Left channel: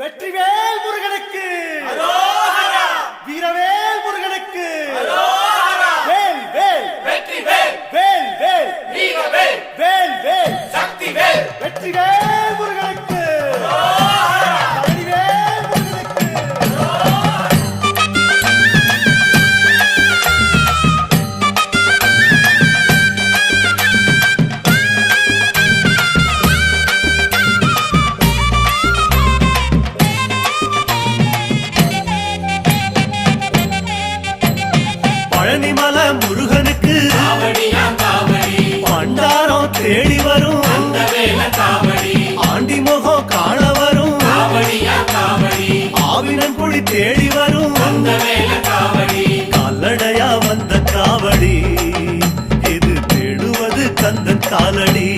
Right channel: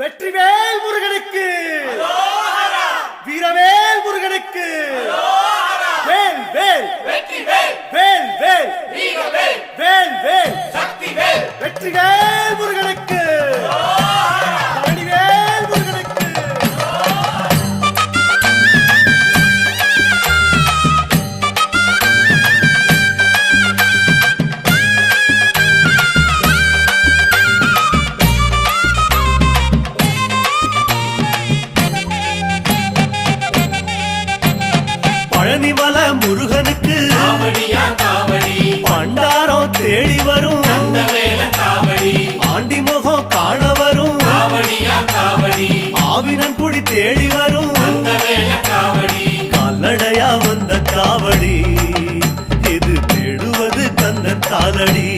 வெற்றிவேல் முருகனுக்கு, வீரவேல் முருகனுக்கு, வேல் வேல் வேல் வேல் வேல் வேல் வெற்றிவேல் முருகனுக்கு, பழனிவேல் முருகனுக்கு. பழனிமல முருகனுக்கு பண்டாரம் தேடி வரும், ஆண்டி முகம் காண வரும், ஆவினன் குடி தேடி வரும், கால்நடையா வந்த காவடி இது தேடுவது கந்தன் காலடி.